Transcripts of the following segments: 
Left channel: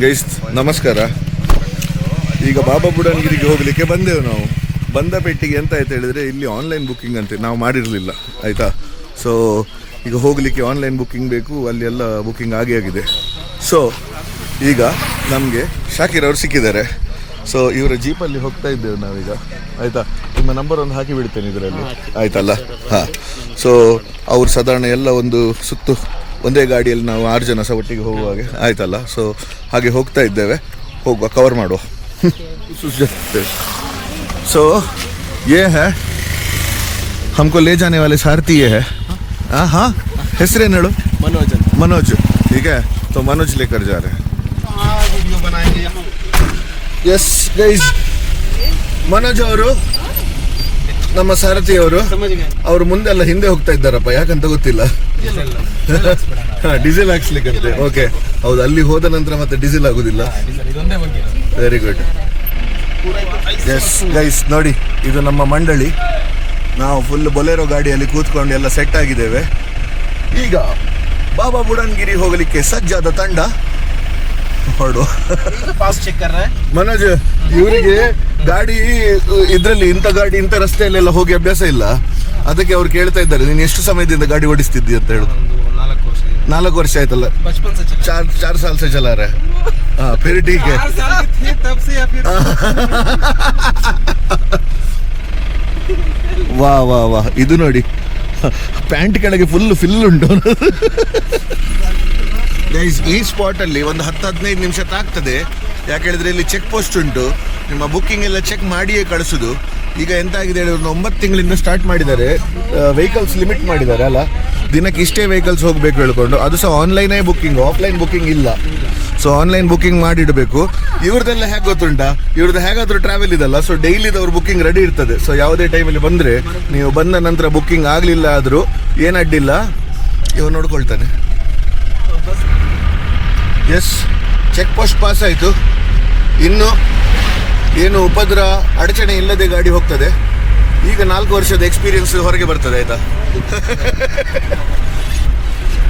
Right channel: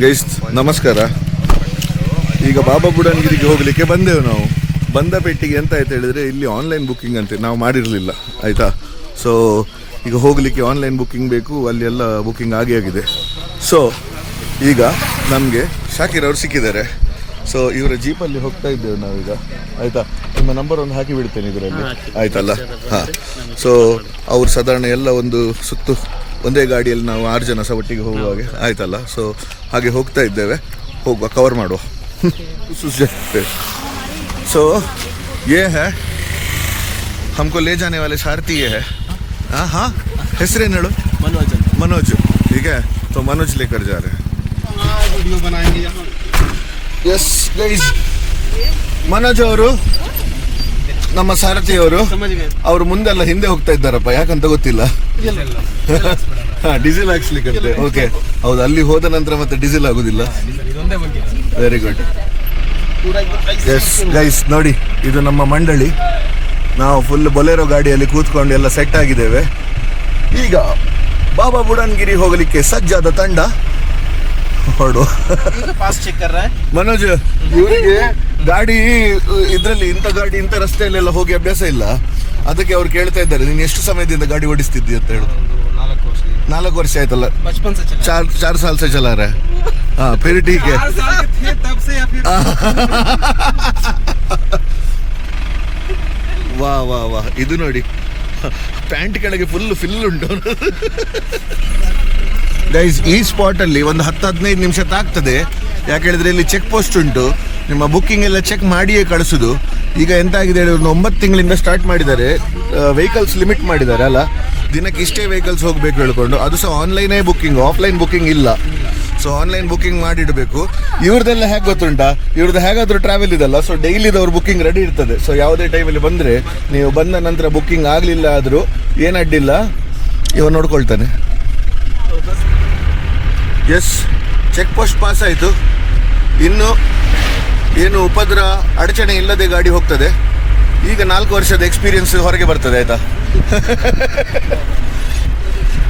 Guys ನಮಸ್ಕಾರ. ಈಗ ಬಾಬಾ ಬುಡನ್ಗಿರಿಗೆ ಹೋಗ್ಲಿಕ್ಕೆ ಬಂದೆವು ನಾವು. ಬಂದ ಪೆಟ್ಟಿಗೆ ಎಂತ ಆಯ್ತು ಹೇಳಿದ್ರೆ ಇಲ್ಲಿ ಆನ್ಲೈನ್ ಬುಕ್ಕಿಂಗ್ ಅಂತೆ, ನಾವು ಮಾಡಿರಲಿಲ್ಲ ಆಯ್ತಾ. ಸೊ ಈಗ ಹೋಗ್ಲಿಕ್ಕೆ ಆನ್ಲೈನ್ ಬುಕ್ಕಿಂಗ್ ಬೇಕು, ಅಲ್ಲಿ ಎಲ್ಲ ಬುಕ್ಕಿಂಗ್ ಆಗಿದೆ. ಸೊ ಈಗ ನಮಗೆ ಶಾಕಿರ್ ಅವರು ಸಿಕ್ಕಿದ್ದಾರೆ. ಸೊ ಇವರ ಜೀಪಲ್ಲಿ ಹೋಗ್ತಾ ಇದ್ದೇವೆ ನಾವೀಗ ಆಯ್ತಾ. ನಿಮ್ಮ ನಂಬರ್ ಒಂದು ಹಾಕಿ ಬಿಡ್ತೇನೆ ಇದರಲ್ಲಿ ಆಯ್ತಲ್ಲ. ಹಾ, ಸೊ ಅವ್ರು ಸಾಧಾರಣ ಎಲ್ಲ ಒಂದು ಸುತ್ತು ಒಂದೇ ಗಾಡಿಯಲ್ಲಿ ನಾವು 6 ಜನ ಸಹ ಒಟ್ಟಿಗೆ ಹೋಗುವಾಗೆ ಆಯ್ತಲ್ಲ. ಸೊ ಹಾಗೆ ಹೋಗ್ತಾ ಇದ್ದೇವೆ, ಹೋಗುವ ಕವರ್ ಮಾಡುವ. ಸೊ ये है हमको ले जाने वाले सारथी ये है. हाँ ಹೆಸರೇನು ಹೇಳು? मनोज. ठीक है, तो मनोज लेकर जा रहे हैं. वीडियो बनाएंगे. यस गाइस, मनೋಜ್ ಅವರು ನಮ್ಮ ಸಾರಥಿ ಅವರು. ಅವರು ಮುಂದೆಲ್ಲ ಹಿಂದೆ ಹೋಗ್ತಾ ಇದ್ದಾರಪ್ಪ, ಯಾಕಂತ ಗೊತ್ತಿಲ್ಲ. ಡೀಸೆಲ್ ಹಾಕ್ಸ್ಲಿಕ್ಕಂತೆ. ಓಕೆ, ಹೌದು. ಅಲ್ಲಿ ಹೋದ ನಂತರ ಮತ್ತೆ ಡೀಸೆಲ್ ಆಗುದಿಲ್ಲ. Very good. ಎಸ್ ಗೈಸ್, ನೋಡಿ ಇದು ನಮ್ಮ ಮಂಡಳಿ. ನಾವು ಫುಲ್ ಬೊಲೆರೋ ಗಾಡಿಯಲ್ಲಿ ಕೂತ್ಕೊಂಡು ಎಲ್ಲ ಸೆಟ್ ಆಗಿದ್ದೇವೆ. ಈಗ ಬಾಬಾ ಬುಡನ್ಗಿರಿ ಹೋಗಲಿಕ್ಕೆ ಸಜ್ಜಾದ ತಂಡ ಹೊರಡು. ಮನೋಜ್, ಇವರಿಗೆ ಗಾಡಿ ಇದ್ರಲ್ಲಿ ಇಂಥ ರಸ್ತೆಯಲ್ಲೆಲ್ಲ ಹೋಗಿ ಅಭ್ಯಾಸ ಇಲ್ಲ. ಅದಕ್ಕೆ ಅವ್ರು ಕೇಳ್ತಾ ಇದ್ದಾರೆ, ನೀನು ಎಷ್ಟು ಸಮಯದಿಂದ ಗಾಡಿ ಓಡಿಸ್ತಿದ್ದಿ ಅಂತ ಹೇಳು. 4 ವರ್ಷ ಆಯ್ತಲ್ಲ. 4 साल से चला रहा है. हाँ, फिर ठीक है. ವಾ ವಾ ವಾ, ಇದು ನೋಡಿ ಪ್ಯಾಂಟ್ ಕೆಳಗೆ ಫಿಲ್ ಉಂಟು. ಗೈಸ್, ಈ ಸ್ಪಾಟ್ ಅಲ್ಲಿ ಒಂದು 10-15 ನಿಮಿಷ ತಾಗ್ತದೆ. ಯಾಕೆ ಹೇಳಿದ್ರೆ ಇಲ್ಲಿ ಚೆಕ್ ಪೋಸ್ಟ್ ಉಂಟು. ನಿಮ್ಮ ಬುಕ್ಕಿಂಗ್ ಎಲ್ಲ ಚೆಕ್ ಮಾಡಿಯೇ ಕಳಿಸುದು. ಈಗ ಎಂತ ಆಗಿದೆ ಹೇಳಿ, 9 ತಿಂಗಳಿಂದ ಸ್ಟಾರ್ಟ್ ಮಾಡಿದ್ದಾರೆ. ವೆಹಿಕಲ್ಸ್ ಲಿಮಿಟ್ ಮಾಡಿದ್ದಾರೆ ಅಲ್ಲ, ದಿನಕ್ಕೆ ಇಷ್ಟೇ ವೆಹಿಕಲ್ಸ್ ಹೋಗ್ಬೇಕು ಹೇಳ್ಕೊಂಡು. ಅದು ಸಹ ಆನ್ಲೈನ್ ಬುಕ್ಕಿಂಗ್, ಆಫ್ಲೈನ್ ಬುಕ್ಕಿಂಗ್ ಇಲ್ಲ. ಸೊ ಆನ್ಲೈನ್ ಬುಕ್ಕಿಂಗ್ ಮಾಡಿಡಬೇಕು. ಇವ್ರದೆಲ್ಲ ಹೇಗೆ ಗೊತ್ತುಂಟಾ, ಇವ್ರದ್ದು ಹೇಗಾದ್ರೂ ಟ್ರಾವೆಲ್ ಇದಲ್ಲ. ಸೊ ಡೈಲಿದವ್ರ ಬುಕ್ಕಿಂಗ್ ರೆಡಿ ಇರ್ತದೆ. ಸೊ ಯಾವುದೇ ಟೈಮಲ್ಲಿ ಬಂದ್ರೆ, ನೀವು ಬಂದ ನಂತರ ಬುಕ್ಕಿಂಗ್ ಆಗ್ಲಿಲ್ಲ ಆದ್ರೂ ಏನ್ ಅಡ್ಡಿಲ್ಲ, ಇವ ನೋಡ್ಕೊಳ್ತಾನೆ. ಎಸ್, ಚೆಕ್ ಪೋಸ್ಟ್ ಪಾಸ್ ಆಯ್ತು. ಇನ್ನು ಏನು ಉಪದ್ರ ಅಡಚಣೆ ಇಲ್ಲದೆ ಗಾಡಿ ಹೋಗ್ತದೆ. ಈಗ 4 ವರ್ಷದ ಎಕ್ಸ್ಪೀರಿಯನ್ಸ್ ಹೊರಗೆ ಬರ್ತದೆ ಆಯ್ತಾ.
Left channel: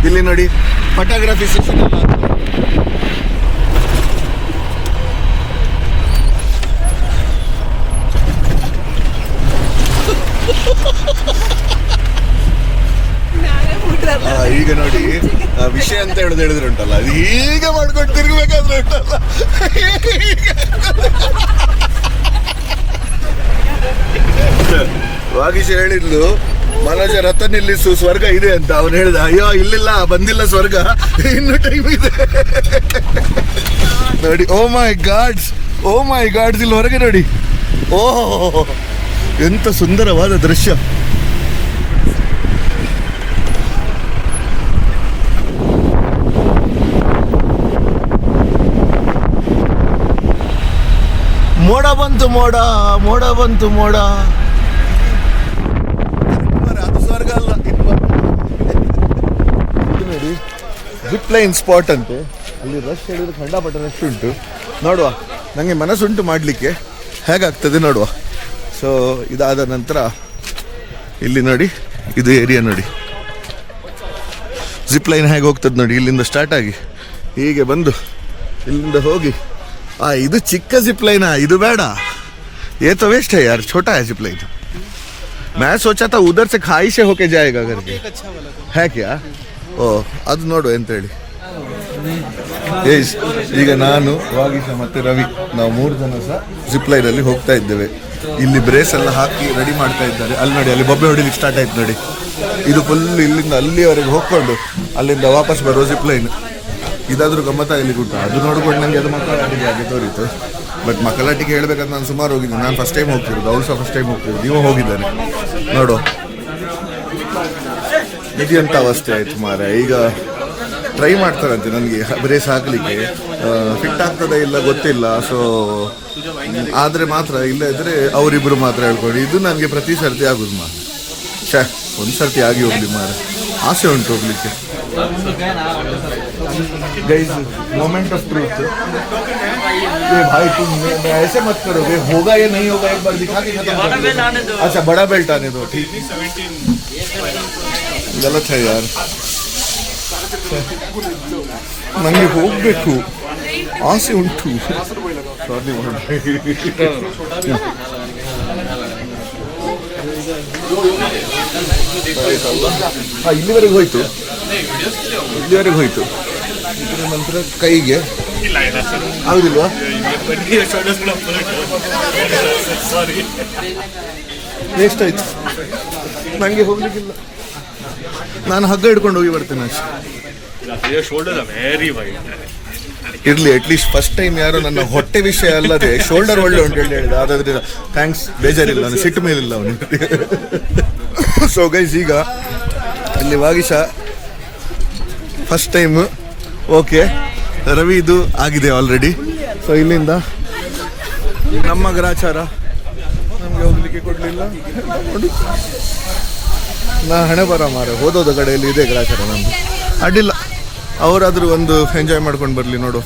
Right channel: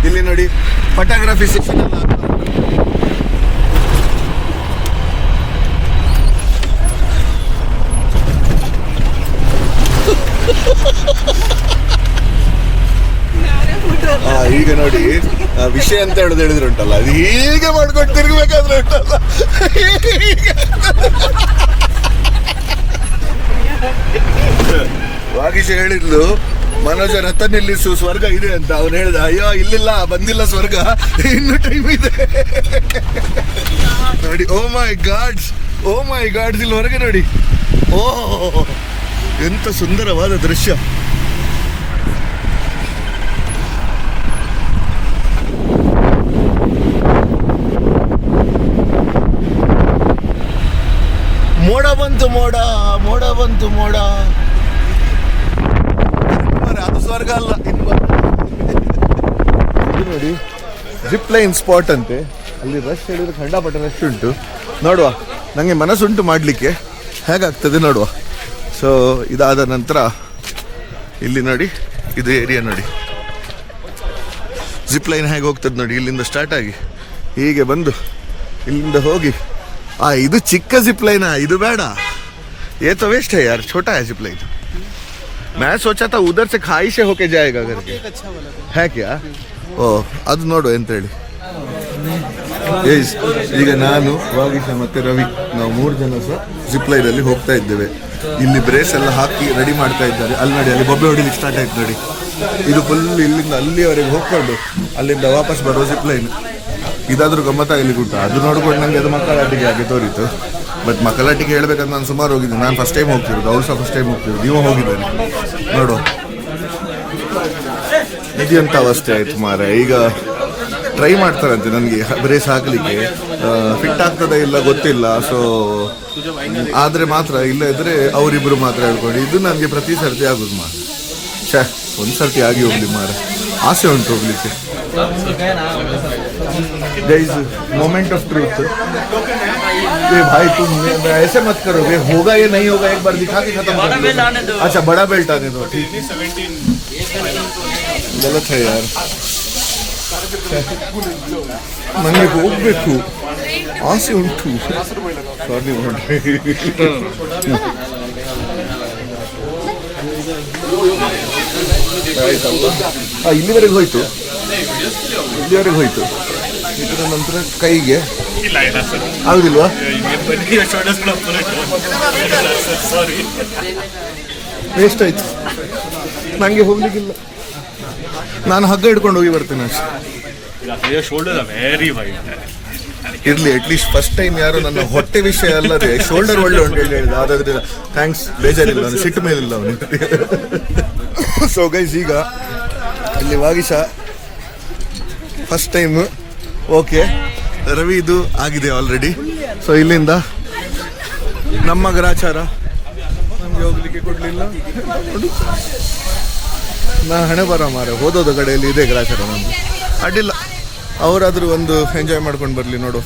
ಇಲ್ಲಿ ನೋಡಿ ಫೋಟೋಗ್ರಫಿ ಸೆಕ್ಷನ್ ಎಲ್ಲ ಈಗ ನೋಡಿ ವಿಷಯ ಅಂತ ಹೇಳಿದ್ರೆ ಉಂಟಲ್ಲ, ಅದು ಹೀಗೆ ಮಾಡ್ಕೊಂಡು ತಿರುಗಬೇಕಾದ್ರೆ ಉಂಟಲ್ಲ. ವಾಗೀಶ್ ಹೇಳಿದ್ಲು, ಮನೋಜ ರಥ ನಿಲ್ಲಿಸು, ಸ್ವರ್ಗ ಇದೆ ಅಂತ. ಅವನು ಹೇಳಿದ, ಅಯ್ಯೋ ಇಲ್ಲಿಲ್ಲ, ಬಂದಿಲ್ಲ ಸ್ವರ್ಗ, ಇನ್ನು ಟೈಮ್ ಇದೆ. ನೋಡಿ, ಓ ಮೈ ಗಾಡ್ಸ್, ಇಲ್ಲಿ ಹೊರಗೆ ನೋಡಿ. ಓಹ್, ಎಂತ ಸುಂದರವಾದ ದೃಶ್ಯ. ಮೋಡ ಬಂತು ಮೋಡ. ಅದು ಸ್ವರ್ಗ ಅಲ್ಲ, ಇದು ನೋಡಿ ಜಿಪ್ ಲೈನ್ ಸ್ಪಾಟ್ ಅಂತೆ. ಅಲ್ಲಿ ರಶ್ ಹೇಳಿದ್ರೆ ಖಂಡಾಪಟ್ಟ ರಶ್ ಉಂಟು. ನೋಡುವ, ನಂಗೆ ಮನಸ್ಸುಂಟು ಮಾಡ್ಲಿಕ್ಕೆ, ಹೇಗಾಗ್ತದೆ ನೋಡುವ. ಸೊ ಇದಾದ ನಂತರ ಇಲ್ಲಿ ನೋಡಿ, ಇದು ಏರಿಯಾ ನೋಡಿ, ಜಿಪ್ ಲೈನ್ ಹೇಗೆ ಹೋಗ್ತದೆ ನೋಡಿ. ಇಲ್ಲಿಂದ ಸ್ಟಾರ್ಟ್ ಆಗಿ ಹೀಗೆ ಬಂದು ಇಲ್ಲಿಂದ ಹೋಗಿ. ಇದು ಚಿಕ್ಕ ಜಿಪ್ ಲೈನ್, ಇದು ಬೇಡ. ये तो वेस्ट है यार, छोटा है जिप लाइन. मैं सोचा था उधर से खाई से होके जाएगा करके. है क्या? ಓ, ಅದು ನೋಡು ಎಂತ ಹೇಳಿ. ಈಗ ನಾನು, ವಾಗೀಶ ಮತ್ತೆ ರವಿ, ನಾವು 3 ಜನ ಸಹ ಜಿಪ್ ಲೈನ್ ಅಲ್ಲಿ ಹೋಗ್ತಾ ಇದ್ದೇವೆ. ಇಲ್ಲಿ ಬ್ರೇಸ್ ಎಲ್ಲ ಹಾಕಿ ರೆಡಿ ಮಾಡ್ತಾ ಇದ್ದಾರೆ. ಅಲ್ಲಿ ನೋಡಿ, ಅಲ್ಲಿ ಬೊಬ್ಬೆ ಹೊಡಿಲಿಕ್ಕೆ ಸ್ಟಾರ್ಟ್ ಆಯ್ತು ನೋಡಿ. ಇದು ಫುಲ್ ಇಲ್ಲಿಂದ ಅಲ್ಲಿವರೆಗೆ ಹೋಗ್ಕೊಂಡು ಅಲ್ಲಿಂದ ವಾಪಸ್ ಬರೋ ಜಿಪ್ ಲೈನ್. ಇದಾದ್ರೂ ಗಮ್ಮತ್ತಾಗಲಿಕ್ಕೆ ಉಂಟು. ಅದು ನೋಡ್ಕೊಂಡು ನಂಗೆ ಅದು ಮಕ್ಕಳಾಟಿಕೆ ಆಗಿ ತೋರಿತು. ಬಟ್ ಮಕ್ಕಳಾಟಿಕೆ ಹೇಳ್ಬೇಕಂತ ನಾನು ಸುಮಾರು ಹೋಗಿದ್ದೀನಿ. ನಾನು ಫಸ್ಟ್ ಟೈಮ್ ಹೋಗ್ತಿರೋದು, ಅವಳು ಸಹ ಫಸ್ಟ್ ಟೈಮ್ ಹೋಗ್ತಿರೋದು. ನೀವು ಹೋಗಿದ್ದಾನೆ ನೋಡು. ನಿಧಿಯಂತ ಅವಸ್ಥೆ ಆಯ್ತು ಮಾರ. ಈಗ ಟ್ರೈ ಮಾಡ್ತಾರಂತೆ ನನಗೆ ಬ್ರೇಸ್ ಹಾಕ್ಲಿಕ್ಕೆ. ಫಿಟ್ ಆಗ್ತದ ಇಲ್ಲ ಗೊತ್ತಿಲ್ಲ. ಸೊ ಆದ್ರೆ ಮಾತ್ರ, ಇಲ್ಲ ಇದ್ರೆ ಅವರಿಬ್ರು ಮಾತ್ರ ಹೇಳ್ಕೊಂಡು. ಇದು ನನಗೆ ಪ್ರತಿ ಸರ್ತಿ ಆಗುದು ಮಾರ. ಒಂದ್ ಸರ್ತಿ ಆಗಿ ಹೋಗ್ಲಿ ಮಾರ, ಆಸೆ ಉಂಟು ಹೋಗ್ಲಿಕ್ಕೆ. Guys, moment of truth. ये भाई तुम ऐसे मत करो, वे होगा या नहीं होगा एक बार दिखा के खत्म कर लो. अच्छा, बड़ा बेल्ट आने दो, ठीक है. गलत है यार. ನನಗೆ ಹೋಗ್ಬೇಕು ಆಸೆ ಉಂಟು. ಸಾರಿ ಮಾಡ್ರಿ. ಆಯ್ತಲ್ಲ, ಇಲ್ಲಿವರೆಗೆ ಹೋಯ್ತು. ಇದರ ನಂತರ ಕೈಗೆ ಆಗುದಿಲ್ವಾ? ವೇಸ್ಟ್ ಆಯ್ತು, ನಂಗೆ ಹೋಗ್ಲಿಕ್ಕಿಲ್ಲ. ನಾನು ಹಗ್ಗ ಹಿಡ್ಕೊಂಡು ಹೋಗಿ ಬರ್ತೇನೆ ಅಷ್ಟೇ. ಇರ್ಲಿ, ಅಟ್ಲೀಸ್ಟ್ ಫಸ್ಟ್ ಟೈಮ್ ಯಾರು ನನ್ನ ಹೊಟ್ಟೆ ವಿಷಯ ಅಲ್ಲದೆ ಶೋಲ್ಡರ್ ಒಳ್ಳೆ ಉಂಟು ಹೇಳಿದ. ಆದ್ರೆ ಥ್ಯಾಂಕ್ಸ್, ಬೇಜಾರಿಲ್ಲ, ಅವನು ಸಿಟ್ಟು ಮೇಲಿಲ್ಲ ಅವನು. ಸೊ ಗೈಸ್, ಈಗ ಇಲ್ಲಿ Vagisha first time. Okay, Ravi ಇದು ಆಗಿದೆ ಆಲ್ರೆಡಿ. ಸೊ ಇಲ್ಲಿಂದ ನಮ್ಮ ಗ್ರಾಚಾರ ನಮ್ಗೆ ಹೋಗ್ಲಿಕ್ಕೆ ಕೊಡ್ಲಿಲ್ಲ. ನಾ ಹಣೆ ಬರ ಮಾರ, ಹೋದೋದ ಕಡೆಯಲ್ಲಿ ಇದೆ ಗ್ರಾಚಾರ ನಂದು. ಅಡ್ಡಿಲ್ಲ, ಅವರಾದ್ರೂ ಒಂದು ಎಂಜಾಯ್ ಮಾಡ್ಕೊಂಡು ಬರ್ಲಿ. ನೋಡು,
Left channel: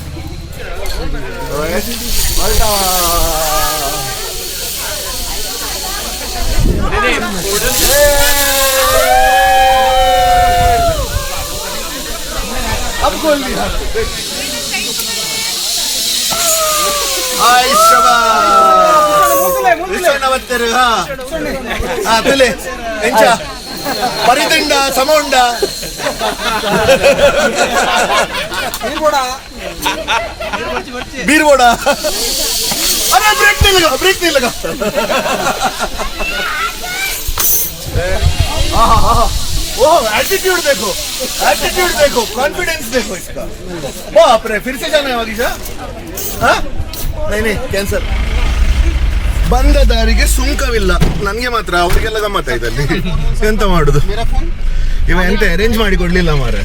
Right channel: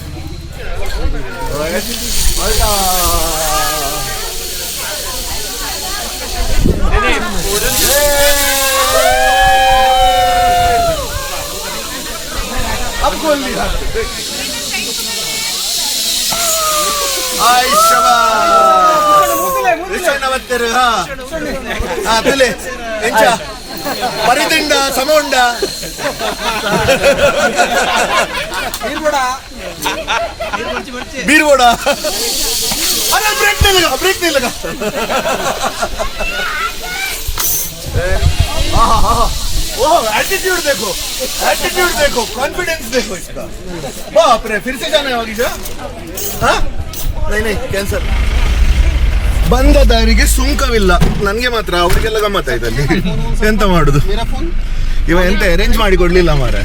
ಪರಿದಂಡ ಸಮೋಂಡ बीरबोड़ा. अरे ब्रेक नहीं लगा. ओह, एटीट्यूड देखो, कॉन्फिडेंस देखो इसका. बाप रे, फिर से जाना है वागीशा? हाँ, नहीं कैंसर. ಬಂದ ದಾರಿಗೆ ಸುಂಕವಿಲ್ಲ, ನನ್ಗೆ ಮಾತ್ರ, ಅವ್ರಿಗೆಲ್ಲ ಗಮ್ಮತ್ತ ಆಯ್ತಲ್ಲಿ. ಎಂತ ಮಾಡುದು, ಇವ ಎಂತ ಅರೇಂಜ್ ಮಾಡಿ ಕೊಡ್ಲಿಲ್ಲ ಮಾರೆ.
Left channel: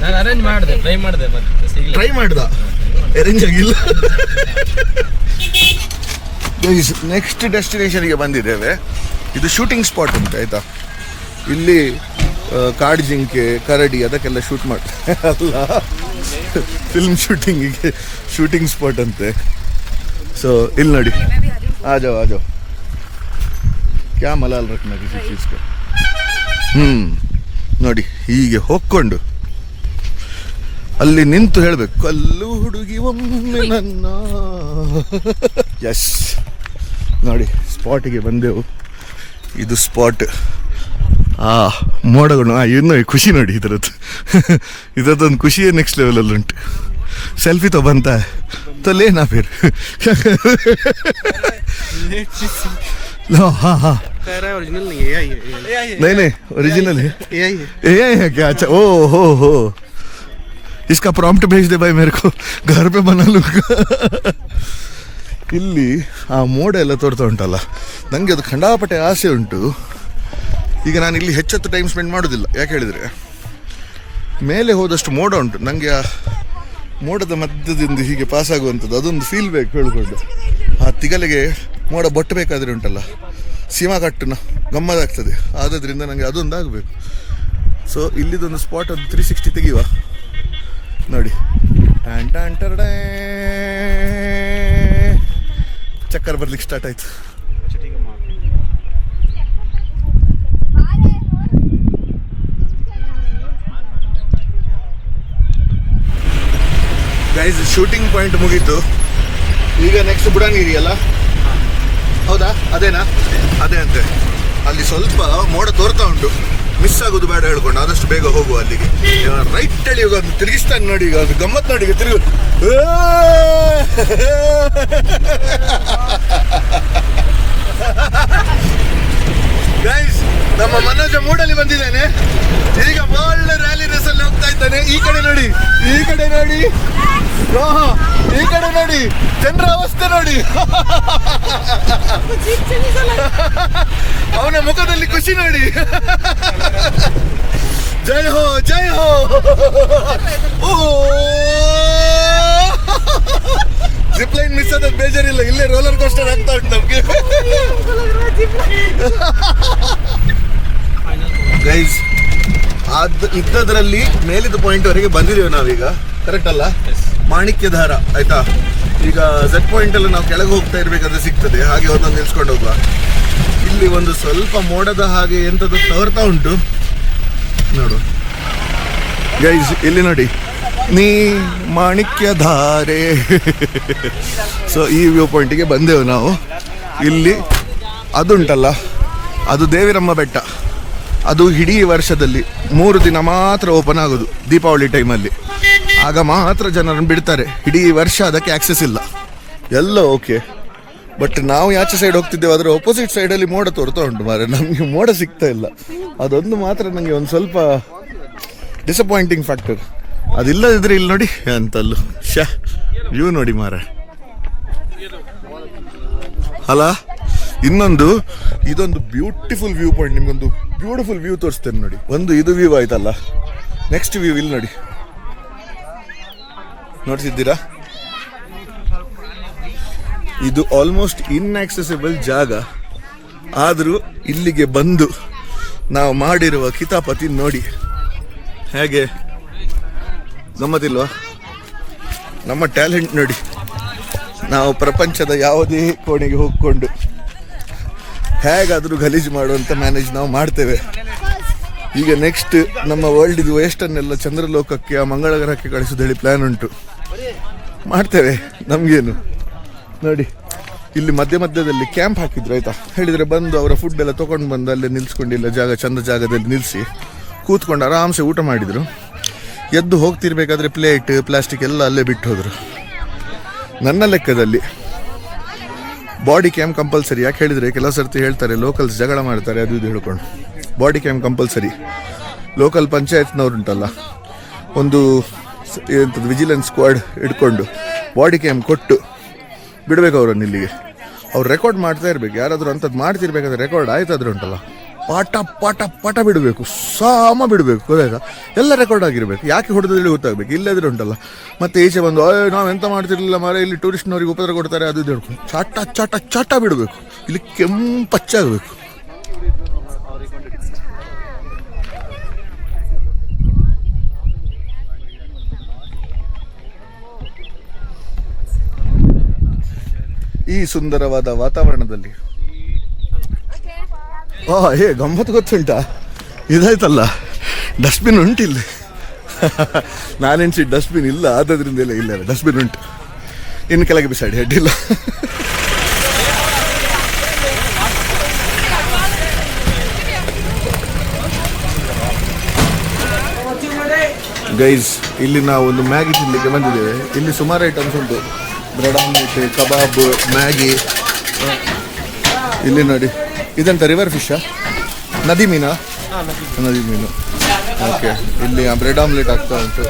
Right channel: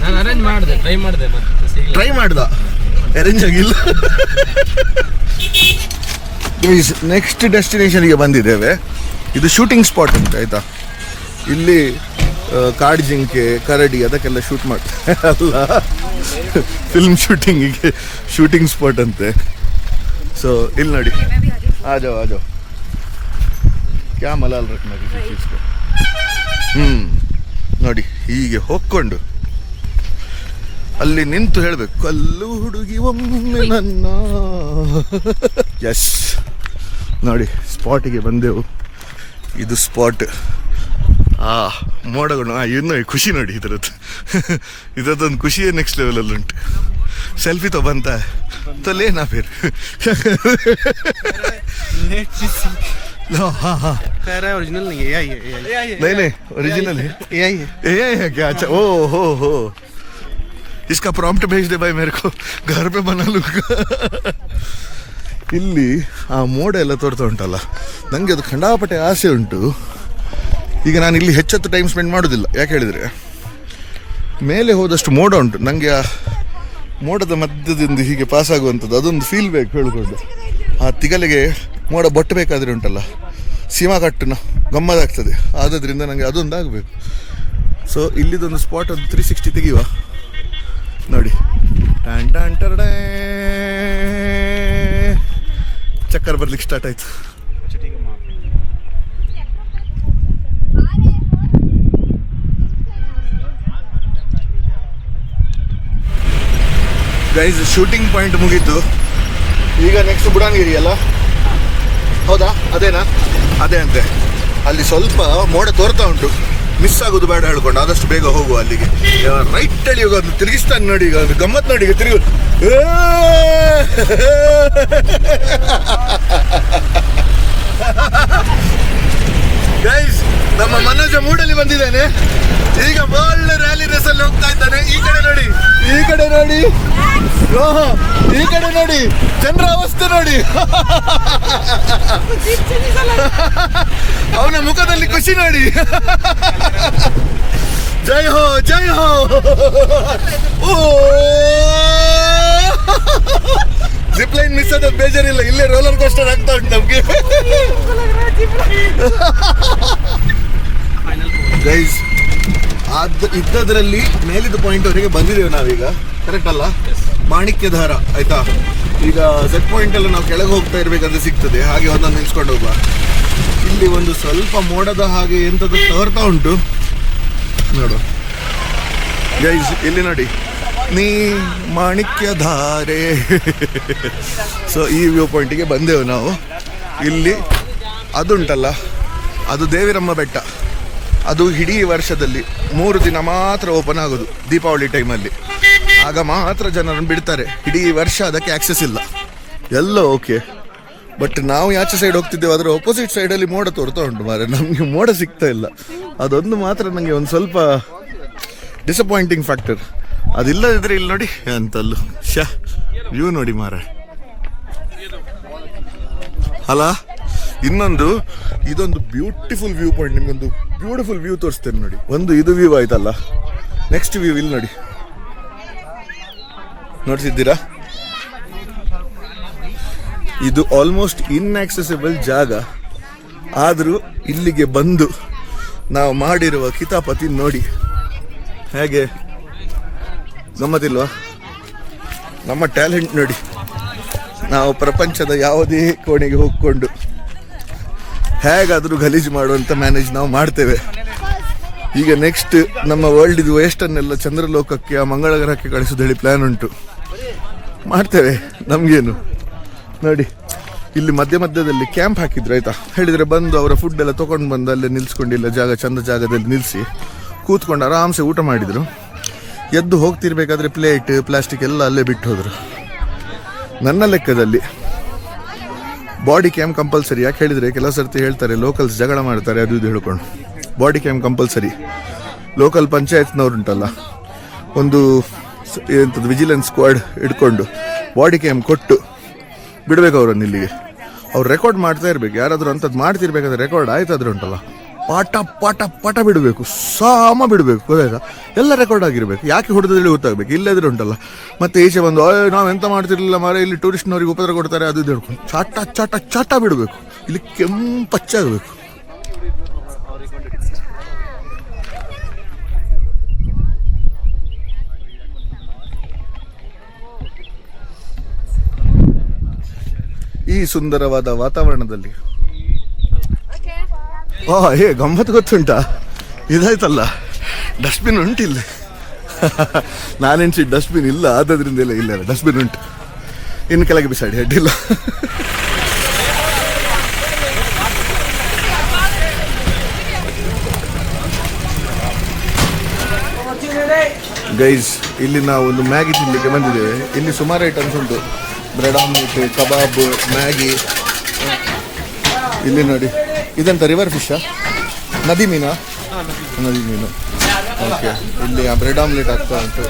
ನಾನು ಅರೇಂಜ್ ಮಾಡಿದೆ, ಟ್ರೈ ಮಾಡ್ದ, ಅರೇಂಜ್ ಆಗಿಲ್ಲ. ನೆಕ್ಸ್ಟ್ ಡೆಸ್ಟಿನೇಷನ್ಗೆ ಬಂದಿದ್ದೇವೆ. ಇದು ಶೂಟಿಂಗ್ ಸ್ಪಾಟ್ ಅಂತ ಆಯ್ತಾ. ಇಲ್ಲಿ ಕಾಡು ಜಿಂಕೆ, ಕರಡಿ ಅದಕ್ಕೆಲ್ಲ ಶೂಟ್ ಮಾಡ್ತಾರೆ. ಅಲ್ಲ, ಫಿಲ್ಮ್ ಶೂಟಿಂಗಿಗೆ ಶೂಟಿಂಗ್ ಸ್ಪಾಟ್ ಅಂತೆ. ಸೊ ಇಲ್ಲಿ ನೋಡಿ, ಆದೋ ಕ್ಯಾ ಮಲಾಲ್ ರತ್ನ ಚೀಸ್ಗೆ. ನೋಡಿ, ಹೀಗೆ ಹೋಗ್ಕೊಂಡು ಅಲ್ಲಿ ನಿಂತು ಹೇಳ್ಬೇಕು, ಕಲ್ಲು ಹುಡುಗಿ ಒಮ್ಮೆ ನನ್ನ. ಎಸ್, ನೋಡಿ ಸ್ಪಾಟಿಗೆ ಬಂದೆವು. ಇದು ಸ್ಪಾಟ್. ಮೋಡಗಳು ಇನ್ನೂ ಖುಷಿ ನೋಡಿ ಇದರದ್ದೊಂದು ಖುಷಿಯೇ ನೆಕ್ಸ್ಟ್ ಲೆವೆಲ್ ಅಲ್ಲಿ ಉಂಟು. ಸೆಲ್ಫಿ तो बनता है तो लेना फिर. हाँ नहीं ओरिजिनल है, AI है क्या? अच्छा, हो इसका प्रॉम्प्ट भेज दे भाई मेरे को, घर पे बना लूंगा. ಇಲ್ಲಿ ಆ ಮೋಡ ಎಲ್ಲ ತೋರ್ತಾ ಉಂಟಲ್ಲ, ನಂಗೆ ಅದು ಖಂಡಾಪಟ್ಟೆ ಆಸೆ ಉಂಟು. ಈಗ ನಾನು ಇಲ್ಲಿ ಹೆಚ್ಚತ್ತು ಟೈಮ್ ಸ್ಪೆಂಡ್ ಮಾಡೋದಿಲ್ಲ, ಯಾಕೆ ಹೇಳಿದ್ರೆ ಮೇಲೆ ಹೋದಷ್ಟು ಮೋಡ ಉಂಟು. ನಂಗೆ ಆ ಮೋಡದ ಮಧ್ಯದಿಂದ ಹೀಗೆ ಪಾಸ್ ಆಗುವಂಥದ್ದು ಅದೊಂದು ಫೀಲ್ ಬೇಕು ಹೇಳ್ಕೊಂಡು. ಆ ತಿಗಲಿಗೆ ಮೋಡ ಬಟ್ಟಬೇಕಾದ್ರೆ ಉಂಟಲ್ಲ, ಸೀಮಾ ಕಟ್ಟನ ಗಮ್ಮದಾಗ್ತದೆ. ಆದ್ರಿಂದ ನನಗೆ ಅದೊಂದು ಆಗಬೇಕು. ಸೊ ಇಲ್ಲಿದೊಂದು ಸ್ಪಾಟ್ ಒಂದು 360 ತೆಗೆಯುವ. ನೋಡಿ, ಟ್ಯಾನ್ ಟ್ಯಾನ್ ಟರ್ಡೇ, ಚಕ್ಕರ್ ಬರ್ಲಿಕ್ಕೆ ಸ್ಟಾರ್ಟ್ ಆಯ್ತು. ಗೈಸ್, ಶೂಟಿಂಗ್ ಪಾಯಿಂಟ್ ಮುಗೀತು. ಈಗ ನೆಕ್ಸ್ಟ್ ಬುಡಾನ್ಗಿರಿ ಅಲ್ಲ, ಹೌದಾ? ಅದೇನಾ? ಅದೇ ಅಂತೆ. ಅಲ್ಲಿ ಸ್ವಲ್ಪ ಮೋಡ ತೋರ್ತಾ ಉಂಟು, ಮಿಸ್ ಆಗೋದು ಬೇಡ ಹೇಳ್ಕೊಂಡು ಆದಷ್ಟು ಬೇಗ ಹೋಗುವ ಅಲ್ಲಿಗೆ. ರೈಟ್ ಹೇಳಿ ಹೋಗೋದು, ತಿರುಗಿಸ್ತಾನೆ ನೋಡಿ. ಈಗ ಅದು ಗಮ್ಮತ್ ನೋಡಿ, ಈಗ ತಿರುಗು. ಗೈಸ್, ನಮ್ಮ ಮನೋಜ ಮೂಡಲ್ಲಿ ಬಂದಿದ್ದೇನೆ. ಈಗ ಒಳ್ಳೆ ರ್ಯಾಲಿ ರೇಸ್ ಅಲ್ಲಿ ಹೋಗ್ತಾ ಇದ್ದಾನೆ. ಈ ಕಡೆ ನೋಡಿ, ಈ ಕಡೆ ನೋಡಿ, ಈ ಕಡೆ ನೋಡಿ, ಜನರ ಅವಸ್ಥೆ ನೋಡಿ. ಅವನ ಮುಖದಲ್ಲಿ ಖುಷಿ ನೋಡಿ. ಜೈ ಹೋ, ಜೈ ಹೋ. ಓ, ಜಿಪ್ಲೈನ್ ಮಿಸ್ ಆದ ಬೇಜಾರಿಲ್ಲ, ಇಲ್ಲೇ ರೋಲರ್ ಕೋಸ್ಟರ್ ಆಗ್ತಾ ಉಂಟು ನಮ್ಗೆ. ಗೈಸ್, ಇದ್ದದ್ರಲ್ಲಿ ಮೇಲಿದ ಪಾಯಿಂಟ್ ವರೆಗೆ ಬಂದಿದ್ದೇವೆ ನಾವೀಗ, ಕರೆಕ್ಟ್ ಅಲ್ಲ? ಮಾಣಿಕ್ಯಧಾರ ಆಯ್ತಾ. ಈಗ Z ಪಾಯಿಂಟ್ ಎಲ್ಲ ನಾವು ಕೆಳಗೆ ಹೋಗ್ತಾ ಇರ್ಬೇಕಾದ್ರೆ ಸಿಗ್ತದೆ, ಹಾಗೆ ಒಂದೊಂದು ನಿಲ್ಸ್ಕೊಂಡು ಹೋಗುವ. ಇಲ್ಲಿ ಒಂದು ಸ್ವಲ್ಪ ಮೋಡದ ಹಾಗೆ ಎಂತದ್ದು ತೋರ್ತಾ ಉಂಟು ನೋಡು. ಗೈಸ್ ಇಲ್ಲಿ ನೋಡಿ, ನೀ ಮಾಣಿಕ್ಯ ಧಾರೆ. ಸೊ ಈ ವ್ಯೂ ಪಾಯಿಂಟಿಗೆ ಬಂದೆವು ನಾವು. ಇಲ್ಲಿ ಅದುಂಟಲ್ಲ, ಅದು ದೇವಿರಮ್ಮ ಬೆಟ್ಟ. ಅದು ಇಡೀ ವರ್ಷದಲ್ಲಿ 3 ದಿನ ಮಾತ್ರ ಓಪನ್ ಆಗೋದು, ದೀಪಾವಳಿ ಟೈಮಲ್ಲಿ. ಆಗ ಮಾತ್ರ ಜನರನ್ನು ಬಿಡ್ತಾರೆ. ಇಡೀ ವರ್ಷ ಅದಕ್ಕೆ ಆಕ್ಸೆಸ್ ಇಲ್ಲ. ಎಲ್ಲ ಓಕೆ, ಬಟ್ ನಾವು ಯಾಚೆ ಸೈಡ್ ಹೋಗ್ತಿದ್ದೇವೆ, ಅದರ ಅಪೋಸಿಟ್ ಸೈಡಲ್ಲಿ ಮೋಡ ತೋರ್ತಾ ಉಂಟು ಮಾರೆ. ನಮಗೆ ಮೋಡ ಸಿಗ್ತಾ ಇಲ್ಲ. ಅದೊಂದು ಮಾತ್ರ ನನಗೆ ಒಂದು ಸ್ವಲ್ಪ ಡಿಸಪಾಯಿಂಟಿಂಗ್ ಫ್ಯಾಕ್ಟರ್. ಅದಿಲ್ಲದಿದ್ರೆ ಇಲ್ಲಿ ನೋಡಿ ಅಂತಲ್ಲೂ ವ್ಯೂ ನೋಡಿ ಮಾರೆ. ಅಲ್ಲ, ಇನ್ನೊಂದು ಇದೊಂದು ಬ್ಯೂಟಿಫುಲ್ ವ್ಯೂ ಪಾಯಿಂಟ್. ನಿಮ್ಗೊಂದು ಬ್ಯೂಟಿಫುಲ್ ವ್ಯೂ ತೋರಿಸ್ತೇನೆ ನೋಡಿ. ಒಂದು ಇದು ವ್ಯೂ ಆಯ್ತಲ್ಲ, ನೆಕ್ಸ್ಟ್ ವ್ಯೂ ಇಲ್ಲಿ ನೋಡಿ. ನೋಡ್ತಿದ್ದೀರಾ? ಇದು ಆಲ್ಮೋಸ್ಟ್ ಇನ್ಆಕ್ಸೆಸಿಬಲ್ ಜಾಗ, ಆದರೂ ಇಲ್ಲಿಗೆ ಬಂದು ನಾವು ಮಾಡಿರುವ ಕಿತಾಪತಿ ನೋಡಿ. ಹೇಗೆ ಗಮ್ಮತ್ತಿಲ್ವಾ? ನಮ್ಮ ಟ್ಯಾಲೆಂಟ್ ನೋಡಿ. ನಾವು ಪ್ರಪಂಚದ ಯಾವುದೇ ಕೋಣೆಗೆ ಹೋಗ್ಕೊಂಡು ಹೇಗಾದರೂ ಗಲೀಜು ಮಾಡುವಂತ ಮ್ಯಾನೇಜ್ ನಾವು ಮಾಡ್ತೇವೆ. ಈಗ ನೆಕ್ಸ್ಟ್ ನಮ್ಮ ವರ್ಲ್ಡ್ ಇದು ವೇಸ್ಟನ್ನೆಲ್ಲ ಚಂದ್ರಲೋಕಕ್ಕೆ, ಆ ಮಂಗಳ ಗ್ರಹಕ್ಕೆ ಕಳಿಸೋದು ಹೇಳಿ ಪ್ಲಾನ್ ಉಂಟು. ಮಾಡ್ತೇವೆ, ನಮ್ಗೇನು. ನೋಡಿ, ಇಲ್ಲಿ ಮಧ್ಯ ಮಧ್ಯದಲ್ಲಿ ಕ್ಯಾಂಪ್ ಹಾಕಿದ್ರು ಆಯ್ತಾ. ಹೇಳಿದ್ರೆ ಬಂದು ಅವರ ಫುಡ್ ಎಲ್ಲ ತಗೊಂಡು ಬಂದು ಅಲ್ಲೇ ನಿಲ್ಸ್ಕೊಂಡಿಲ್ಲ, ಜಾಗ ಚಂದ ಜಾಗದಲ್ಲಿ ನಿಲ್ಲಿಸಿ ಕೂತ್ಕೊಂಡು ಆರಾಮ್ಸೆ ಊಟ ಮಾಡಿದ್ರು. ಎದ್ದು ಹೋಗ್ತಿರ್ಬೇಕಾದ್ರೆ ಪ್ಲೇಟ್ ಪ್ಲಾಸ್ಟಿಕ್ ಎಲ್ಲ ಅಲ್ಲೇ ಬಿಟ್ಟು ಹೋದ್ರು. ನನ್ನ ಲೆಕ್ಕದಲ್ಲಿ ಬಾಡಿ ಕ್ಯಾಮ್ ಕಂಪಲ್ಸರಿ. ಯಾಕೆ ಹೇಳಿದ್ರೆ ಕೆಲವು ಸರ್ತಿ ಹೇಳ್ತಾರೆ ಲೋಕಲ್ಸ್ ಜಗಳ ಮಾಡ್ತಾರೆ ಅದು ಇದು ಹೇಳ್ಕೊಂಡು. Body cam compulsory. ಲೋಕಲ್ ಪಂಚಾಯತ್ನವ್ರುಂಟಲ್ಲ, ಒಂದು ಎಂಥದ್ದು ವಿಜಿಲೆನ್ಸ್ ಸ್ಕ್ವಾಡ್ ಇಟ್ಕೊಂಡು ಬಾಡಿ ಕ್ಯಾಮ್ ಕೊಟ್ಟು ಬಿಡ್ಬೇಕು ಅವರನ್ನು ಇಲ್ಲಿಗೆ. ಅವ್ರು ರೆಕಾರ್ಡ್ ಮಾಡ್ತಾ ಇರ್ಬೇಕು. ಯಾರಾದರೂ ಅಂಥದ್ದು ಮಾಡ್ತಿರ್ಬೇಕಾದ್ರೆ ರೆಕಾರ್ಡ್ ಆಯ್ತಾದ್ರೆ ಉಂಟಲ್ಲ, ಪಾಠ ಪಾಠ ಪಾಠ ಬಿಡಬೇಕು, ಸಾಮ ಬಿಡಬೇಕು. ಗೊತ್ತಾಯ್ತಾ? ಎಲ್ಲ ರೆಕಾರ್ಡ್ ಆಗಿರ್ಬೇಕು. ಯಾಕೆ ಹೊಡೆದಲ್ಲಿ ಗೊತ್ತಾಗಬೇಕು. ಇಲ್ಲದ್ರೆ ಉಂಟಲ್ಲ ಮತ್ತೆ ಈಚೆ ಬಂದು ನಾವು ಎಂತ ಮಾಡ್ತಿರ್ಲಿಲ್ಲ ಮಾರೆ, ಇಲ್ಲಿ ಟೂರಿಸ್ಟ್ನವ್ರಿಗೆ ಉಪದ್ರ ಕೊಡ್ತಾರೆ ಅದು ಇದು ಹೇಳ್ಕೊಂಡು ಚಾಟ ಚಾಟ ಚಾಟ ಬಿಡಬೇಕು. ಇಲ್ಲಿ ಕೆಂಪಚ್ಚಾಗಬೇಕು. ಈ ಸುಂದರವಾದ ವಾತಾವರಣದಲ್ಲಿ ಗಮ್ಮತ್ತು ಗೊತ್ತುಂಟಾ? ಇದಾಯ್ತಲ್ಲ, ಡಸ್ಟ್ಬಿನ್ ಉಂಟು ಇಲ್ಲಿ. ನಾನೆನ್ಸಿ ಡಸ್ಟ್ಬಿನ್ ಇಲ್ಲ, ಆದ್ರಿಂದ ಇಲ್ಲ ಡಸ್ಟ್ಬಿನ್ ಉಂಟು. ಇನ್ನು ಕೆಳಗೆ ಬಿಸಾಡಿ, ಅಡ್ಡಿಲ್ಲ. ಗೈಸ್, ಇಲ್ಲಿ ನಾವು ಒಂದು ಮ್ಯಾಗಿ ತಿನ್ಲಿಕ್ಕೆ ಬಂದಿದ್ದೇವೆ. ಇಲ್ಲಿ ಸುಮಾರು ಐಟಮ್ಸ್ ಉಂಟು. ಬ್ರೆಡ್ ಆಮ್ಲೆಟ್, ಕಬಾಬ್, ಮ್ಯಾಗಿ. ಇಲ್ಲಿ ನೋಡಿ, ಇದಂತ ರಿವರ್ ಫಿಶಾ? ನದಿ ಮೀನಾ? ನದಿ ಮೀನು. ಓಕೆ, ಇಲ್ಲಿ ಬ್ರೆಡ್ ಆಮ್ಲೆಟ್ ಆಗ್ತಾ ಉಂಟು.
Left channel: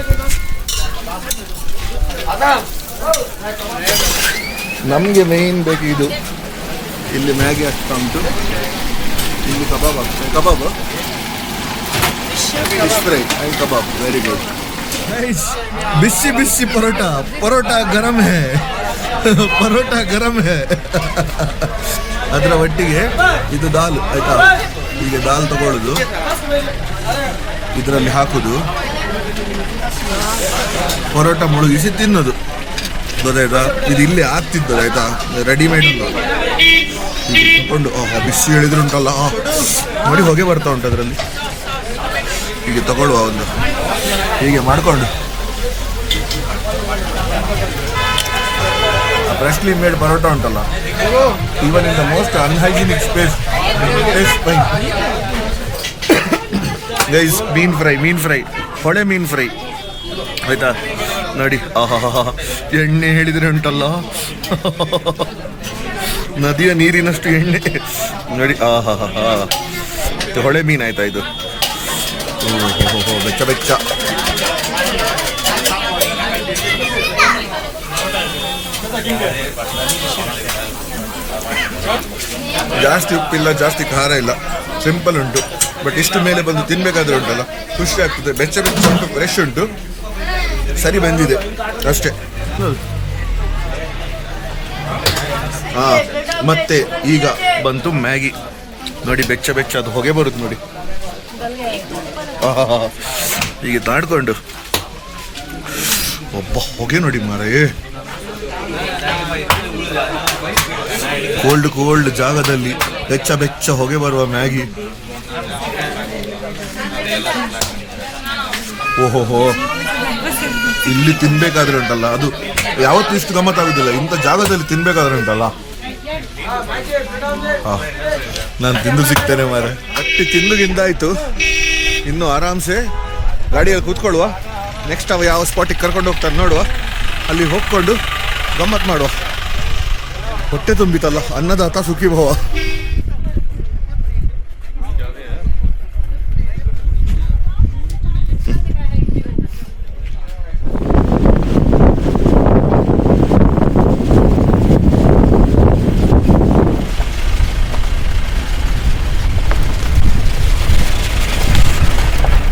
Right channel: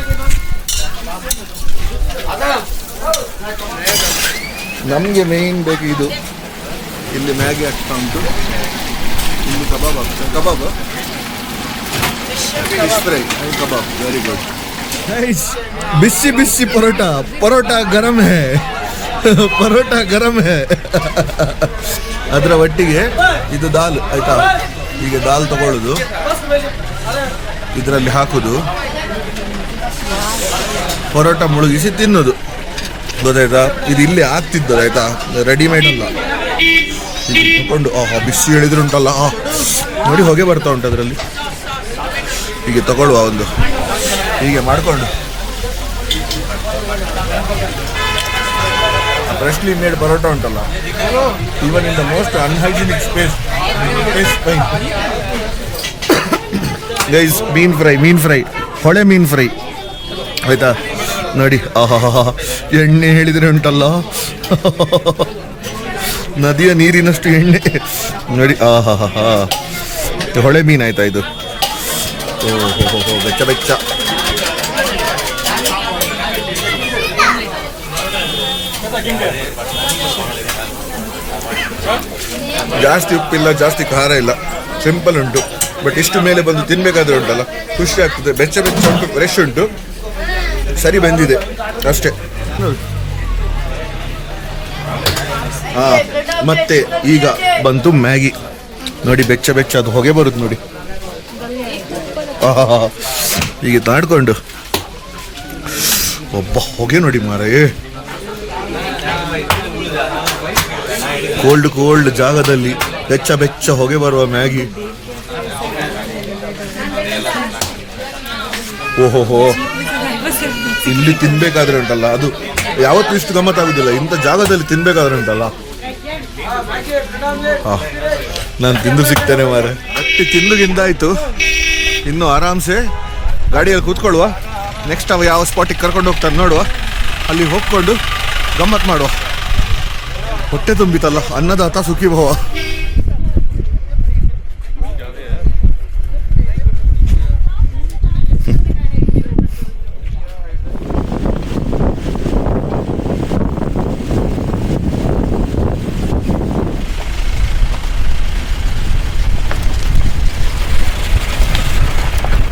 ನಮ್ಗೆ ಮೇನ್ ಬೇಕು ಇದು. ಇಲ್ಲಿ ಮ್ಯಾಗಿ ಆಗ್ತಾ ಉಂಟು. ಇಲ್ಲಿ ಕಬಾಬ್ ಆಗ್ತದೆ. Kebab, fish fry and kebab. Very good. ಬಿಸಿ ಬಿಸಿ ಪರೋಟಾ. ಪರೋಟಾ ಗರಂ ಹೇ, ಪರೋಟಾ ಗರಂ ಹೇ. ಅದರ ಒಟ್ಟಿಗೆ ಇದು ದಾಲ್ ಆಯ್ತಾ. ಈಗ ದಾಲ್ ತಗೊಳ್ಳುದು, ಇದರಲ್ಲಿ ಹಾಕುದು, ಪರೋಟಾ ಮುಳುಗಿಸಿ ತಿನ್ನೋದು. ಗೊತ್ತಾಯ್ತಾ? ಇದು ಇಲ್ಲಿ ಆಗ್ತಿದ್ದದು ಆಯ್ತಾ, ರೆಡಿಮೇಡ್ ಅಲ್ಲ. ಹೀಗೆ ತಕೊಂಡು ಬಿಸಿ ಹೇಳಿದ್ರುಂಟಲ್ಲ, ನೋಡಿ ಹೊಗೆ ಬರ್ತಾ ಉಂಟು ಅದರಲ್ಲಿ. ಹೀಗೆ ತಗೊಳ್ಳುವ ಒಂದು, ಹೀಗೆ ಮಾಡ್ಕೊಂಡು ಫ್ರೆಶ್ಲಿ ಮೇಡ್ ಪರೋಟಾ ಉಂಟಲ್ಲ, even in the most unhygienic space, fine. Guys, mean fry, ಹೊಳೆ ಮೀನ್ ಫ್ರೈ ಆಯ್ತಾ. ನೋಡಿ, ಎಣ್ಣೆ ಹೇಳಿದ್ರೆ ಉಂಟಲ್ಲ, ನದಿಯ ನೀರಿನಷ್ಟು ಎಣ್ಣೆ ನೋಡಿ. ಹೊಳೆ ಮೀನ್ ಆಯ್ತಾ ಇದು. ಓಹೋ, ಬೆಚ್ಚ ಬೆಚ್ಚ. ಜಾಸ್ತಿ ಉಪ್ಪಿಲ್ಲ, ಜಾಸ್ತಿ ಖಾರ ಇಲ್ಲ, ಸಿಂಪಲ್ ಉಂಟು. ಬಟ್ ಇಷ್ಟು ಮೇಲೆ ಬಂದು ತಿನ್ಬೇಕಾದ್ರೆ ಉಂಟಲ್ಲ, ಖುಷಿ ಆಗ್ತದೆ. ಬೆಚ್ಚ ಬೆಚ್ಚ ಉಂಟು, ಫ್ರೆಶ್ ಉಂಟು, ಸರಿ ಬಂದಿದೆ ಅಷ್ಟೇ. ಮತ್ತೆ ಈಗ ಬಂತು ಮ್ಯಾಗಿ. ನೋಡಿ, ಬೆಚ್ಚ ಬೆಚ್ಚ ಅದು ಹೊಗೆ ಬರುತ್ತೆ ನೋಡಿ. ಹೀಗೆ ತಾಡ್ಕೊಂಡು ಒಬ್ಬ ಹೊಗೆ ನೋಡಿ ಮಾರೇ. ಕೋಲ್ಡ್ ಜಾಗದಲ್ಲಿ ಬೆಚ್ಚ ಬೆಚ್ಚ ಹೊಗೆ ಬರುವ ಮ್ಯಾಗಿ. ಓಹೋಹೋ, ಇಲ್ಲಿ ತಿನ್ಬೇಕಾದ್ರೆ ಉಂಟಲ್ಲ ಅದು ಯಾವತ್ತೂ ಇಷ್ಟು ಗಮ್ಮತ್ತಾಗುದಿಲ್ಲ. ಇಂಥ ಜಾಗದಲ್ಲಿ ತಿನ್ಬೇಕಾದ್ರೆ ಉಂಟಲ್ಲ, ನಾನು ತಿಂದು ಸಿಗ್ತೇನೆ ಮಾರೆ. ಗಟ್ಟಿ ತಿಂದುಗಿಂದಾಯ್ತು, ಇನ್ನು ಆರಾಮ್ಸೆ ಗಾಡಿಯಲ್ಲಿ ಕೂತ್ಕೊಳ್ಳುವ. ನೆಕ್ಸ್ಟ್ ಅವ ಯಾವ ಸ್ಪಾಟಿಗೆ ಕರ್ಕೊಂಡು ಹೋಗ್ತಾನೆ ನೋಡುವ, ಅಲ್ಲಿ ಹೋಗ್ಕೊಂಡು ಗಮ್ಮತ್ ಮಾಡುವ. ಹೊಟ್ಟೆ ತುಂಬಿತಲ್ಲ, ಅನ್ನದಾತ ಸುಖಿ ಭವ.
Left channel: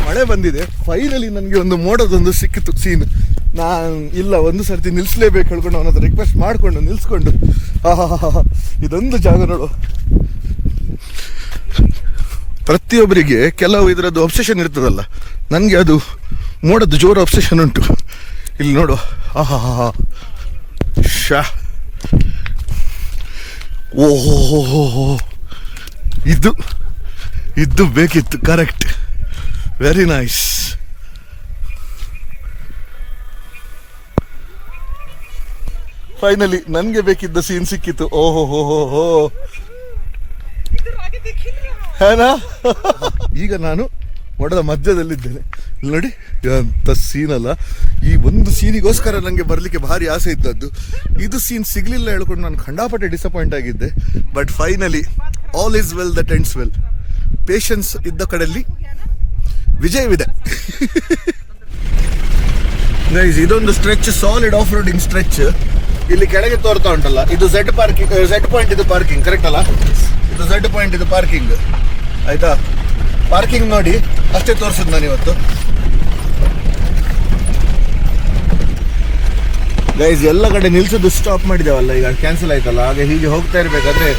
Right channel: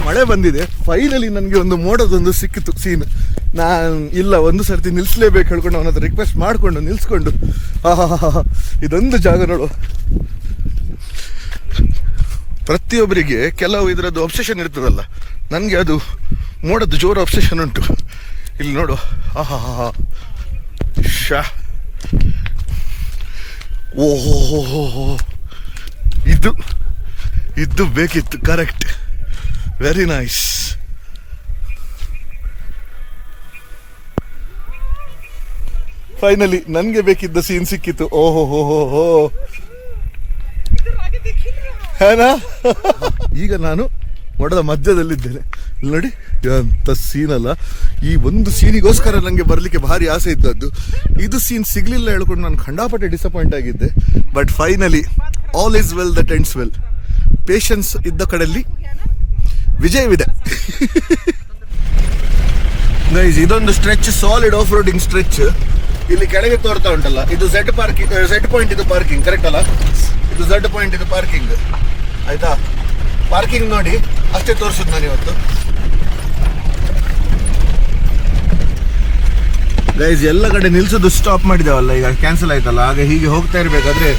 ಮಳೆ ಬಂದಿದೆ, ಫೈನಲಿ ನನಗೆ ಒಂದು ಮೋಡದೊಂದು ಸಿಕ್ಕಿತು ಸೀನ್. ನಾನು ಇಲ್ಲ, ಒಂದು ಸರ್ತಿ ನಿಲ್ಸ್ಲೇಬೇಕು ಹೇಳ್ಕೊಂಡು ಅವನ ಹತ್ರ ರಿಕ್ವೆಸ್ಟ್ ಮಾಡ್ಕೊಂಡು ನಿಲ್ಸ್ಕೊಂಡು, ಇದೊಂದು ಜಾಗ ನೋಡು. ಪ್ರತಿಯೊಬ್ಬರಿಗೆ ಕೆಲವು ಇದರದ್ದು ಅಬ್ಸೆಷನ್ ಇರ್ತದಲ್ಲ, ನನಗೆ ಅದು ಮೋಡದ್ದು ಜೋರು ಅಬ್ಸೆಷನ್ ಉಂಟು. ಇಲ್ಲಿ ನೋಡು, ಶಾ, ಓಹೋ, ಇದು ಬೇಕಿತ್ತು, ಕರೆಕ್ಟ್, ವೆರಿ ನೈಸ್. ಫೈನಲಿ ನನ್ಗೆ ಬೇಕಿದ್ದ ಸೀನ್ ಸಿಕ್ಕಿತ್ತು. ಓಹೋ, ಹೇನಾ? ಈಗ ನಾನು ಮೋಡದ ಮಧ್ಯದಲ್ಲಿದ್ದೇನೆ. ಇಲ್ಲಿ ನೋಡಿ ಅಂತ ಸೀನ್ ಅಲ್ಲ. ಈ ಒಂದು ಸೀನಿಗೋಸ್ಕರ ನನಗೆ ಬರ್ಲಿಕ್ಕೆ ಭಾರಿ ಆಸೆ ಇದ್ದದ್ದು. ಇದು ಸೀನ್ ಸಿಗ್ಲಿಲ್ಲ ಹೇಳ್ಕೊಂಡು ನಾನು ಖಂಡಾಪಟ್ಟೆ ಡಿಸಪಾಯಿಂಟ್ ಆಗಿದ್ದೆ. But finally all is well that ends well. Patience ಇದ್ದ ಕಡೆಯಲ್ಲಿ ವಿಜಯವಿದೆ. ಗೈಸ್, ಇದೊಂದು stretch, solid off roading stretch. ಇಲ್ಲಿ ಕೆಳಗೆ ತೋರ್ತಾ ಉಂಟಲ್ಲ, ಇದು ಝೆಡ್ ಪಾಯಿಂಟ್, ಇದು ಪಾರ್ಕಿಂಗ್, ಕರೆಕ್ಟ್ ಅಲ್ಲ? ಇದು ಝೆಡ್ ಪಾಯಿಂಟ್, ಇದು ಪಾರ್ಕಿಂಗ್, ಆಯ್ತಾ? ಪಾರ್ಕಿಂಗ್ ನೋಡಿ, ಅಷ್ಟೇ ತೋರಿಸಿದ್ ನಾನು ಇವತ್ತು. ಗೈಸ್, ಎಲ್ಲ ಕಡೆ ನಿಲ್ಸೋದು ಸ್ಟಾಪ್ ಮಾಡಿದೇವಲ್ಲ, ಈಗ ಕ್ಯಾನ್ಸಲ್ ಆಯ್ತಲ್ಲ. ಹಾಗೆ ಹೀಗೆ ಹೋಗ್ತಾ ಇರ್ಬೇಕಾದ್ರೆ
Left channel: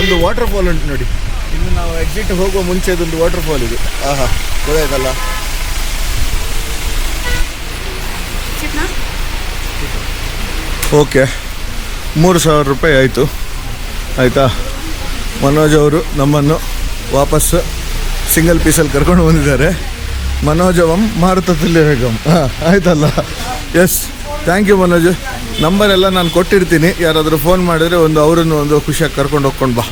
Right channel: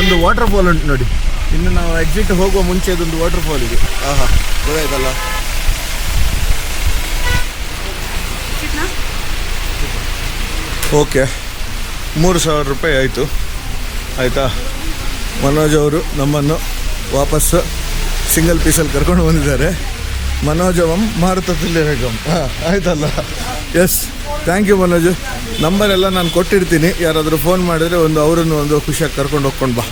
ಒಂದು ವಾಟರ್ ಫಾಲ್ ಉಂಟು ನೋಡಿ. ಇನ್ನು ನಾವು ಎಕ್ಸಿಟ್ ಹೋಗುವ ಮುಂಚೆ ಇದೊಂದು ವಾಟರ್ ಫಾಲ್ ಇದೆ. ಗೊತ್ತಾಯ್ತಲ್ಲ? ಓಕೆ, 3,000 ರೂಪಾಯಿ ಆಯಿತು, ಆಯಿತಾ? ಮನೋಜ್ ಅವರು ನಮ್ಮನ್ನು ವಾಪಸ್ ಸಿಂಗಲ್ ಪೀಸಲ್ಲಿ ಕರ್ಕೊಂಡು ಬಂದಿದ್ದಾರೆ. ಮನೋಜವಂ ಮಾರುತದಲ್ಲಿ ಹೇಗಂ, ಆಯ್ತಲ್ಲ? Yes, thank you Manoj. Number ಎಲ್ಲ ನಾನು ಕೊಟ್ಟಿರ್ತೀನಿ, ಯಾರಾದರೂ ಫೋನ್ ಮಾಡಿದ್ರೆ ಅವರನ್ನು ಒಂದು ಖುಷಿಯಾಗಿ ಕರ್ಕೊಂಡು ಹೋಗ್ಕೊಂಡು ಬಾ.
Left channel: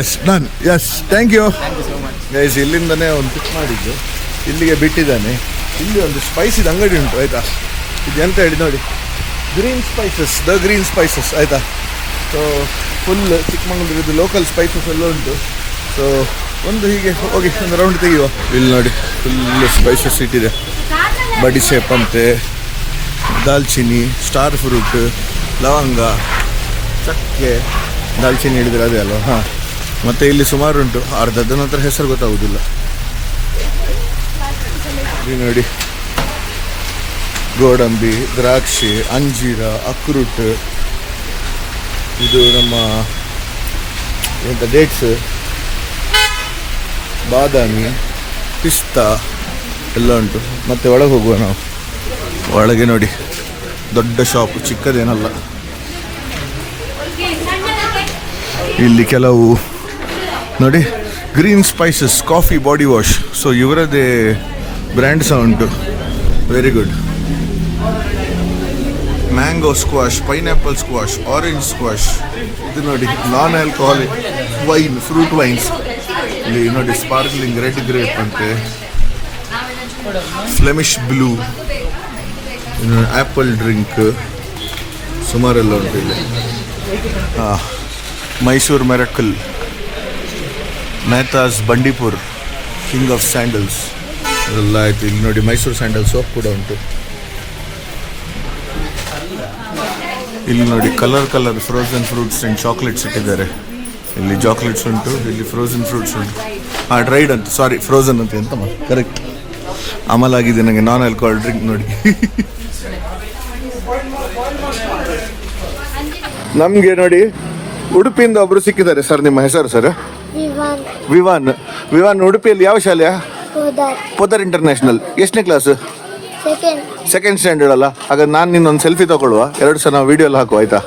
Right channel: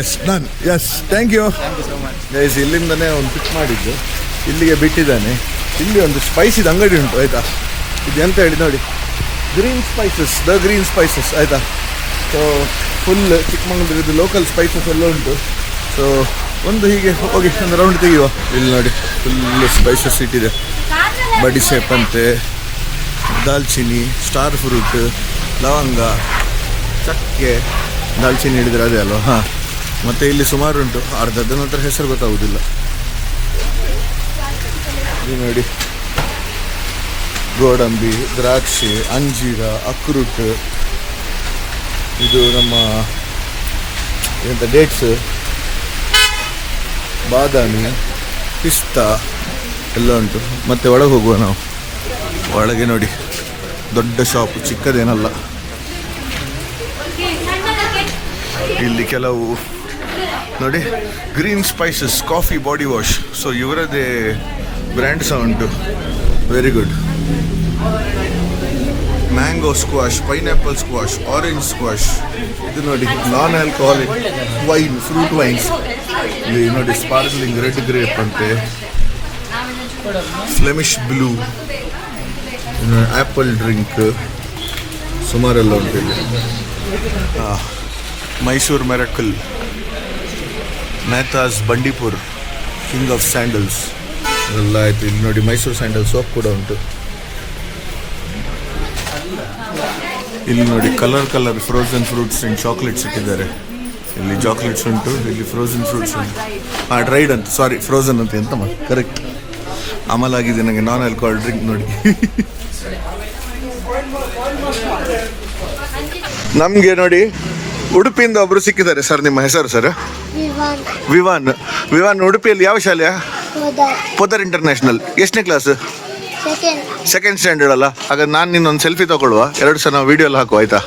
ಎಸ್, ನಾನು yes, thank you so much. Guys, ಇಲ್ಲಿಂದನೇ ಒಂದು ಪಿಕ್ ಮಾಡಿದ್ದು, ಇಲ್ಲಿಗೆ ಬಿಟ್ಟಿದ್ದಾನೆ. ಇಲ್ಲಿ ಒಂದು ಸ್ಪೈಸಿದ ಅಂಗಡಿ ಉಂಟು, ಆಯ್ತಾ? ಇದು ಎಂತ ಹೇಳಿ ನೋಡಿ, green spices, the green spices, ಆಯ್ತಾ? ಸೊ ಫುಲ್ ಚಿಕ್ಕಮಂಗ್ಳೂರಿದ್ದು ಲೋಕಲ್ ಸ್ಪೈಸಸ್ ಎಲ್ಲ ಉಂಟು. ಸೊ ಒಂದು ಹೀಗೆ ಹೋಗಿ ಒಂದು ರೌಂಡ್ ತೆಗೆಯುವ. ಇಲ್ಲಿ ನೋಡಿ, ಫುಲ್ ಸ್ಪೈಸಸ್ ಇಟ್ಟಿದೆ. ಬಡಿಸೇಪ್ ಅಂತೆ, ದಾಲ್ಚಿನ್ನಿ, ಸ್ಟಾರ್ ಫ್ರೂಟ್, ಲವಂಗ, ಚಕ್ಕೆ, ದಾಲ್ಚಿನ್ನಿ ಹೇಳಿದ್ರೆ ಅದೇ ಅಲ್ವಾ? ಮತ್ತೆ ಇಲ್ಲಿ ಸುಮಾರು ಉಂಟು, ಅರ್ಧದ ನಂತರ ಹೆಸರು ಗೊತ್ತಾಗುದಿಲ್ಲ. ಇಲ್ಲಿ ನೋಡಿ, ಗೋಡಂಬಿ, ದ್ರಾಕ್ಷಿ, ಅಂಜೀರ, ಅಕ್ರೂಟ್, ಇದು ನಮ್ಮ ಎಂತ ಡೇಟ್ಸ್, ಬಾದಾಮಿ, ಪಿಸ್ತಾ ಎಲ್ಲ ಉಂಟು. ಮತ್ತೆ ಒಳಗೆ ಹೋಗುವ ನಾವು. ಒಳಗೆ ನೋಡಿ, ದೊಡ್ಡ ಶಾಪ್, ಚಿಕ್ಕದೇನಲ್ಲ. ಇಲ್ಲಿ ಕೆಲವು ನೋಡಿ, green spices, coffee, body wash. So ಇವರದೇ ಬ್ರ್ಯಾಂಡ್ ಸಹ ಉಂಟು, very good. Mango squash, pineapple squash, orange squash. ಇದು ನೋಡಿ, non alcoholic wine, fruit wines. ಇಲ್ಲಿ ನೋಡಿ, ಸ್ಪಾರ್ಕ್ಲಿಂಗ್ ರೆಡ್ ಗ್ರೇಪ್ ಅಂತೆ, ಫ್ಲೆಮಿಶ್ ಬ್ಲೂ, ಆಪಲ್ ಡ್ರಿಂಕ್, ಸುಮಾರೆಲ್ಲ ಉಂಟು ಇಲ್ಲಿ. ಮೈಸೂರು ಮೆರಕಲ್, Mehtas Bandipur, king of sandals ಎಲ್ಲ ಆಯ್ತು. ಇಲ್ಲಿ ನೋಡಿ, ಮೈಸೂರು ಸ್ಯಾಂಡಲ್ ಸೋಪ್ ಕೂಡ ಉಂಟು. ಇಲ್ಲಿ ನೋಡಿ, colour frozen fruits and chocolates ಇಟ್ಟಿದ್ದಾರೆ. ಇಲ್ಲಿ ಚಾಕ್ಲೇಟ್ಸ್ ಉಂಟು, ಇಲ್ಲಿ ಫ್ರೋಸನ್ ಫ್ರೂಟ್ಸ್ ಉಂಟು. ಡ್ರೈಡ್ ಅಂತ, ಸಾರಿ, ಫ್ರೋಸನ್ ಅಂತ ಎಂತ ಕರೆಕ್ಟ್ ಅಮಲಾಗಿದೆ ನನಗೆ. ನಾನ್ ಆಲ್ಕೋಹಾಲ್ ಡ್ರಿಂಕ್ ನೋಡಿ. ನಮ್ಗೆ ನೋಡಿ, ಉಡುಪಿಯಿಂದ ಒಬ್ರು ಸಿಕ್ಕಿದ್ದಾರೆ. ಸರ್, ನಿಮ್ಮ ಹೆಸರು ಸರ್? ವಿವಾನ್. ಉಡುಪಿಯಲ್ಲಿ ಯಾವ ಶಾಲೆಯ? ಪೋದರ್ ಇಂಟರ್ನ್ಯಾಷನಲ್. ಎಷ್ಟನೇ ಕ್ಲಾಸ್? ಸೆಕೆಂಡ್ ಸ್ಟ್ಯಾಂಡರ್ಡ್ ಅಲ್ಲ? ಹಾಗಾದ್ರೆ ನಾನು ನಿನ್ನೊಂದು ಸೆಲ್ಫಿ ತಗೊಳ್ಳುವ, 2 ಸಲ ನಾವು ವಿಡಿಯೋ ಎಲ್ಲ ಹಾಕುವ, ಆಯ್ತಾ?